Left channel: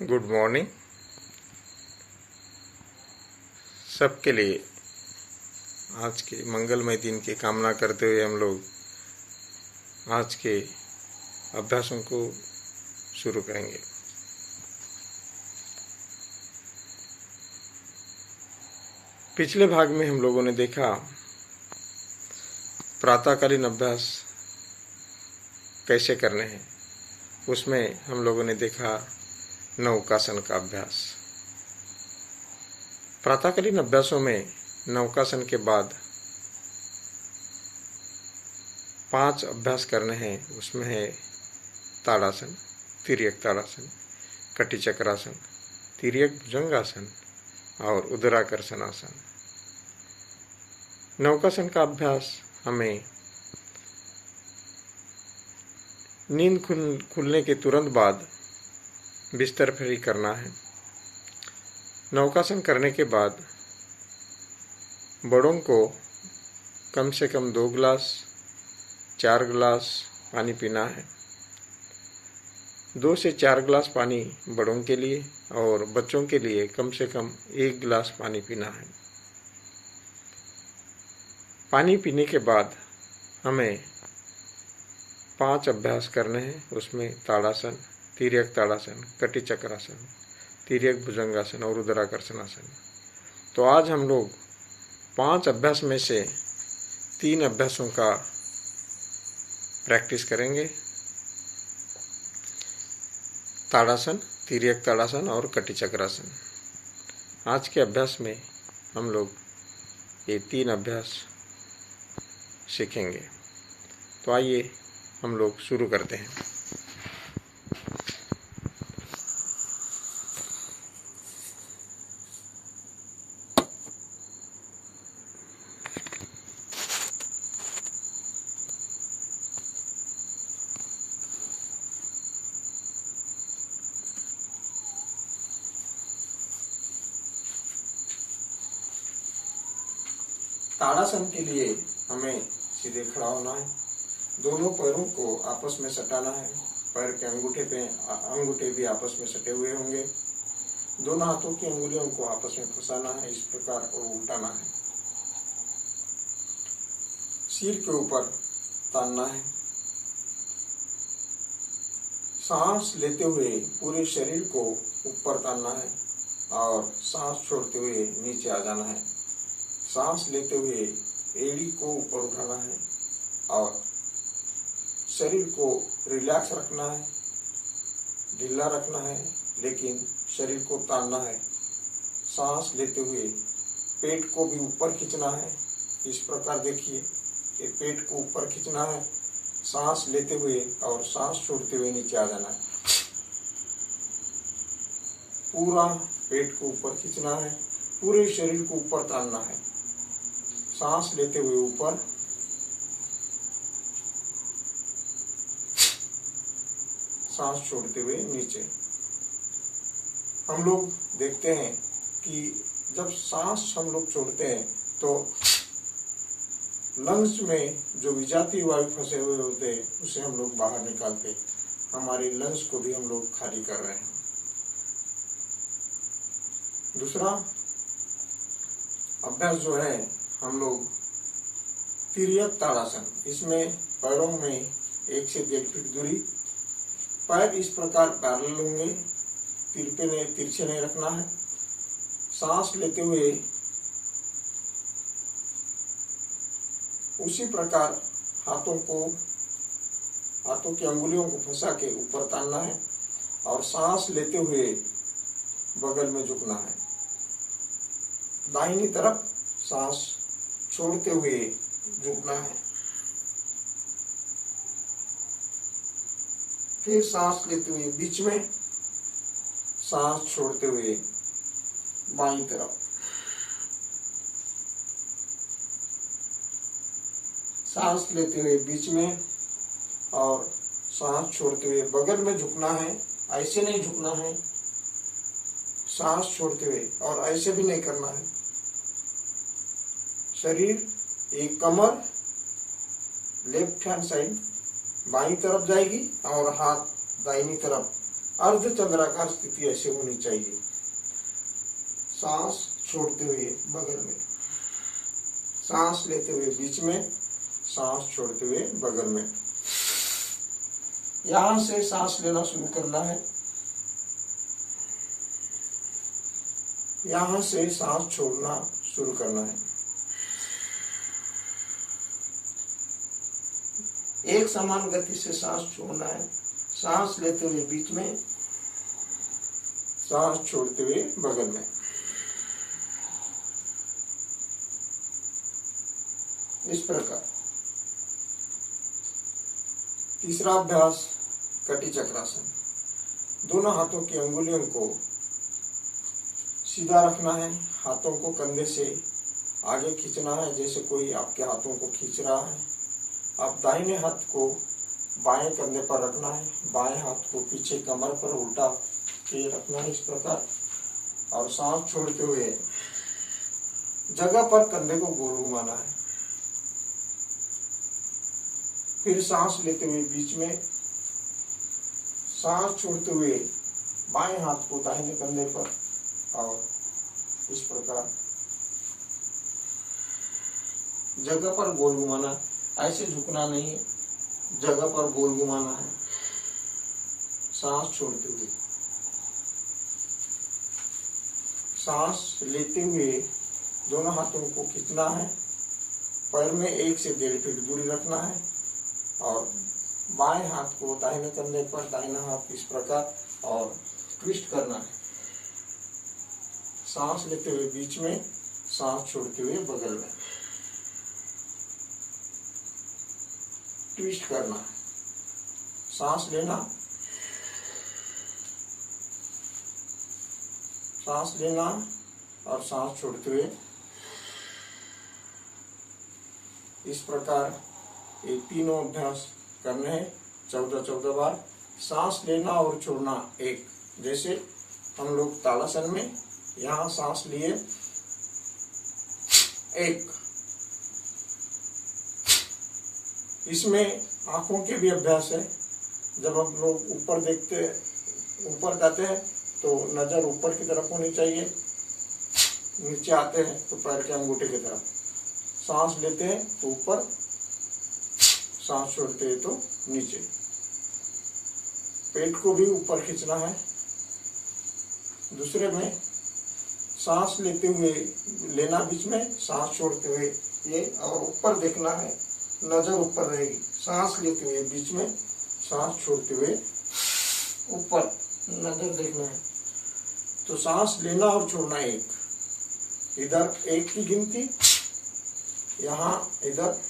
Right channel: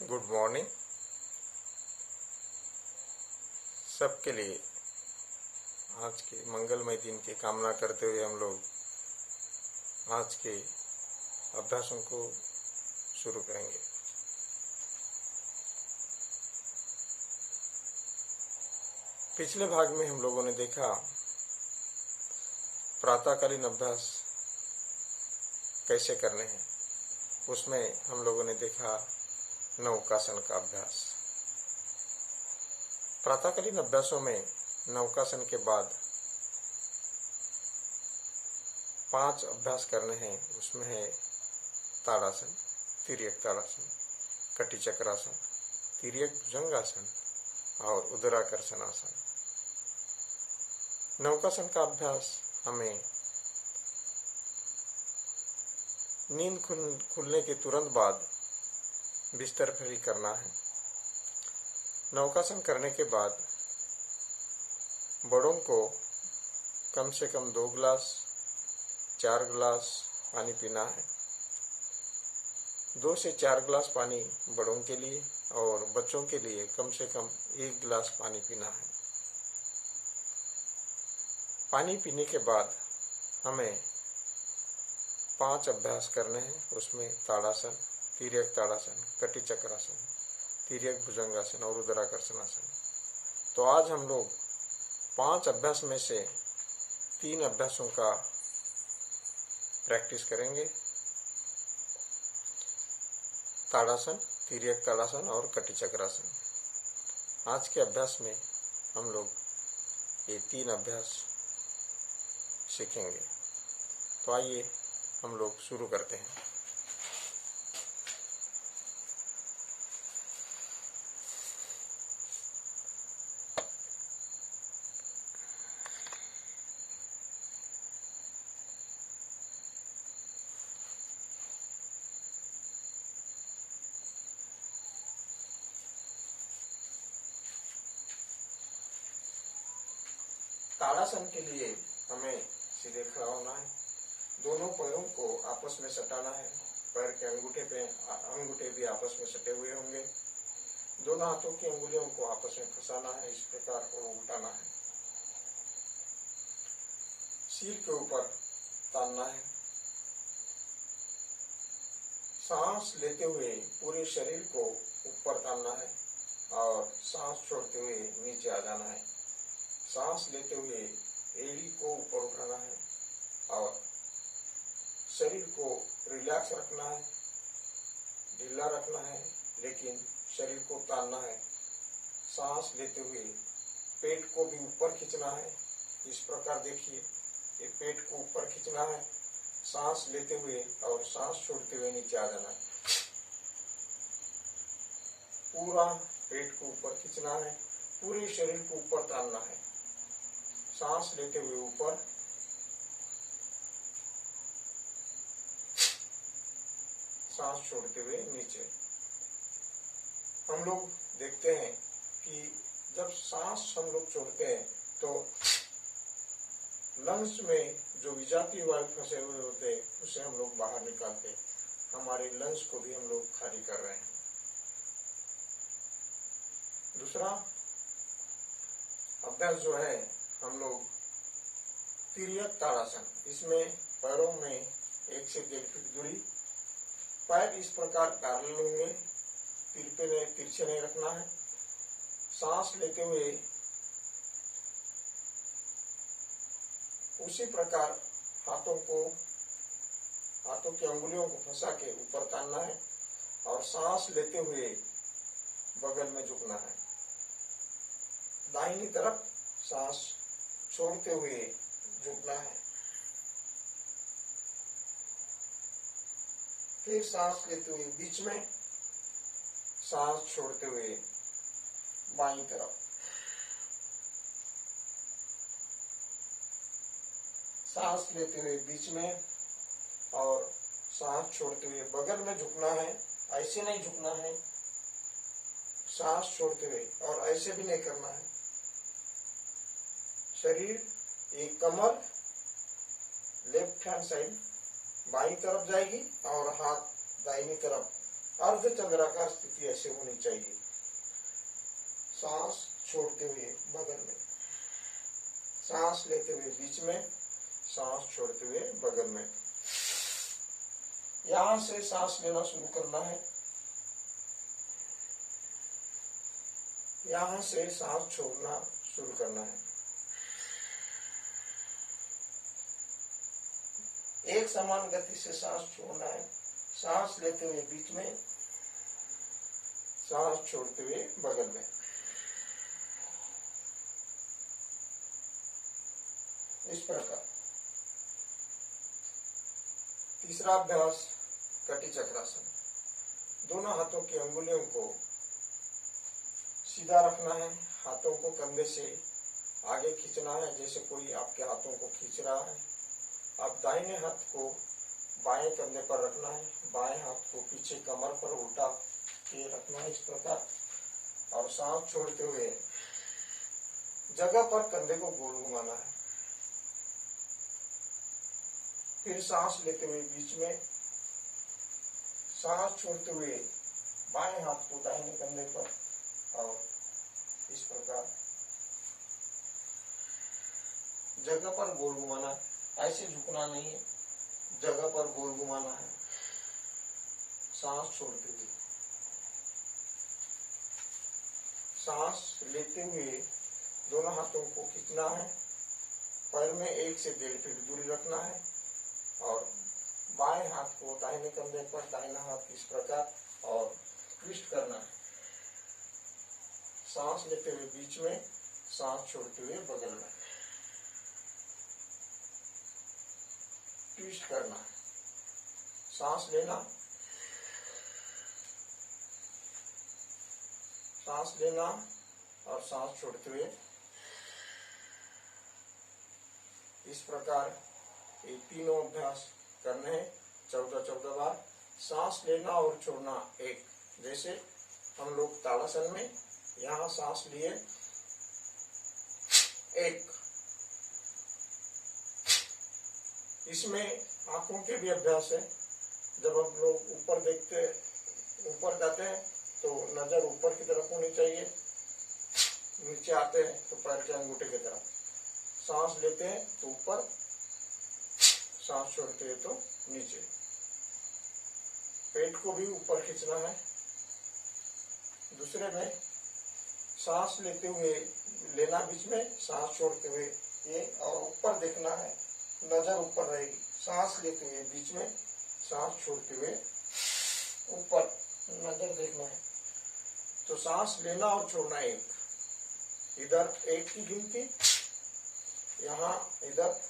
Good morning सबके लिए। आज के मंगलमय दिन की कामना करते हुए हम लोग आज के अभ्यासों को शुरू करेंगे। पिछले भाग में हम लोगों ने देखा प्रातःकालीन अभ्यास कैसे करने हैं। उसमें हम लोगों ने देखा नौकासन का अभ्यास। प्रातःकालीन अभ्यासों में नौकासन के बाद 5 अभ्यास करने हैं। उसमें है ताड़ासन, तिर्यक ताड़ासन, कटी चक्रासन, तिर्यक भुजंगासन और उदराकर्षण आसन। नौकासन का अभ्यास हमें नींद खुलने के तुरंत बाद बिस्तर पर ही करना है। नौकासन करने के बाद बड़ों को कम से कम 2 गिलास 4 गिलास पानी पीना है। 2 से 4 गिलास पानी बड़ों के लिए और बच्चों के लिए कम से कम 1 गिलास पानी पीना है। पानी पीने के बाद हमें 5 अभ्यास करने हैं। उसमें ताड़ासन, तिर्यक ताड़ासन, कटी चक्रासन, तिर्यक भुजंगासन और उदराकर्षण आसन। तो आज हम लोग 5 अभ्यास में से 3 अभ्यासों का प्रैक्टिस करेंगे। ताड़ासन, तिर्यक ताड़ासन और कटी चक्रासन। आज के अभ्यास में हम लोग ये 3 अभ्यास सीखेंगे। तो आइए हम लोग शुरू करते हैं। ताड़ासन के लिए हमें सीधे खड़ा होना है। दोनों पैरों को आपस में सटाना है। पैर के अंगूठे भी आपस में सटे हुए होंगे। दोनों हाथों की अंगुलियों को आपस में फंसाना है। इस प्रकार और उल्टाना है। सिर के ऊपर तानना है। सांस लेते हुए पूरे शरीर को ऊपर तानना है और सांस छोड़ते हुए नीचे आ जाना है। सांस लेते हुए एड़ी को ऊपर उठाना है और शरीर को रिलैक्स रखना है, ढीला रखना है, लेकिन शरीर को तानना है। सांस लेते हुए पेट को भी ऊपर खींचना है। इस प्रकार देखिए कि पेट को ऊपर खींचना है, सांस लेते हुए और सांस छोड़ते हुए नीचे आ जाना है। पूरा पेट को ऊपर खींचना है, पूरे शरीर को ऊपर तानना है। सांस लेते हुए ऊपर, सांस छोड़ते हुए नीचे। हम लोग देखते हैं कि जब सांस हम लोग छोड़ते हैं तो लंग्स में जो विजातीय वायु फंसे हुए होते हैं उसे हम लोग बाहर निकालते हैं। हमारे लंग्स को भी हम लोग खाली कर रहे हैं। दूसरा अभ्यास जो है हम लोग तिर्यक ताड़ासन। इसमें पैरों में 1 से 1.5 फीट दूरी, पैर इस प्रकार पैरेलल होंगे, तिरछे नहीं रखना है। सांस लेते हुए उसी प्रकार हाथों की अंगुलियों को फंसा के ऊपर तानना है और सांस लेते हुए बगल में झुकना है। दाहिनी तरफ सांस छोड़ते हुए झुकना है। फिर सांस लेते हुए बीच में, सांस छोड़ते हुए बाईं तरफ। सांस लेते हुए बीच में और सांस छोड़ते हुए बगल में झुकना है। ऐसे नहीं झुकना है, सांस छोड़ते हुए, और ऐसे भी नहीं करना है। शरीर एक कमर लेफ्ट हैंड साइड बाईं तरफ जाएगी और हाथ दाहिनी तरफ अर्धचंद्राकार स्थिति ऐसे होनी चाहिए। सांस छोड़ते हुए बगल में, सांस लेते हुए बीच में, सांस छोड़ते हुए बगल में। यहां से सांस लेना शुरू करना है, यहां से सांस छोड़ना शुरू करना है। एक समान गति से सांस छोड़ना है। सांस लेते हुए बीच में, सांस छोड़ते हुए बगल में। इस प्रकार। तीसरा अभ्यास कटी चक्रासन। दोनों हाथों की अंगुलियों को सीधा रखना है, हाथों को कंधे से आगे खींचना है जैसे कोई आपके हाथों को खींच रहा है। आप दाहिने हाथ को बाएं कंधे पर रखना है, बाएं हाथ को पीछे कमर पर उल्टा के रखना है इस प्रकार, और सांस छोड़ते हुए जगह पर कंधे को गोल घुमाना है। फिर सांस लेते हुए बीच में, सांस छोड़ते हुए बाएं हाथ को दाहिने कंधे पर, और इस प्रकार जगह पर गोल घुमाना। ऐसे झुकना नहीं है, जगह पर गोल घुमाना है सांस छोड़ते हुए। सांस लेते हुए दोनों हाथों को खींचना है, पैर में 1 से 1.5 फीट दूरी रखना है, और बाएं हाथ को दाहिने कंधे पर, दाहिना हाथ इस प्रकार, और ट्विस्ट करना है। सांस लेते हुए बीच में, सांस छोड़ते हुए बगल में। ट्विस्ट करना है। सांस लेना, सांस लेना और सांस छोड़ते हुए। इस प्रकार ये तीनों अभ्यास करने हैं 14-14 बार। सांस लेना और छोड़ना एक, जैसे हम लोग ताड़ासन में यहाँ सांस लिए 1। इसमें आंखों के भी अभ्यास है। जब हम लोग ऊपर देखते, ऊपर जाते हैं तो नजर ऊपर की तरफ होनी चाहिए, नीचे आते हैं तो पैर के अंगूठे की तरफ। सांस लेते हैं तो ऊपर, सांस छोड़ते हैं तो नीचे। पेट को भी ऊपर खींचना है। दूसरे में सांस लेते हुए लेना बीच में, सांस छोड़ते हुए ये, और ऊपर देखना है, नजर ऊपर रहेगी। सांस लेते हुए बीच में, सांस छोड़ते हुए ऊपर, नजर देखना है। तो सांस लेना और छोड़ना एक, इधर 1 की गिनती, यहाँ इधर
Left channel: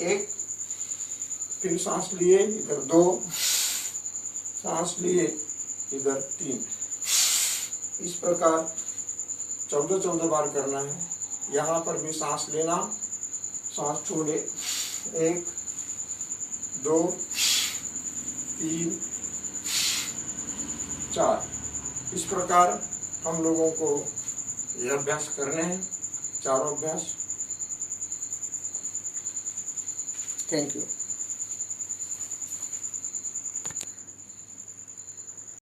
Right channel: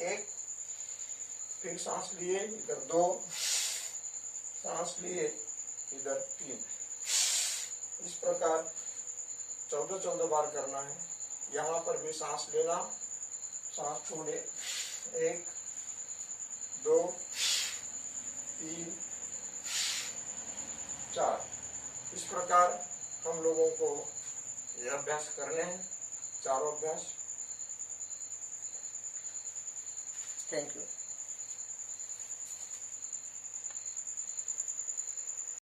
1, फिर सांस लिए इधर 2, सांस लिए इधर 3। इस प्रकार 14-14 बार करना है। यहाँ पर भी सांस लेना, सांस छोड़े, 1, 2, 3, 4। इस प्रकार हम लोगों को यह अभ्यास करने हैं, चारों अभ्यास। Thank you.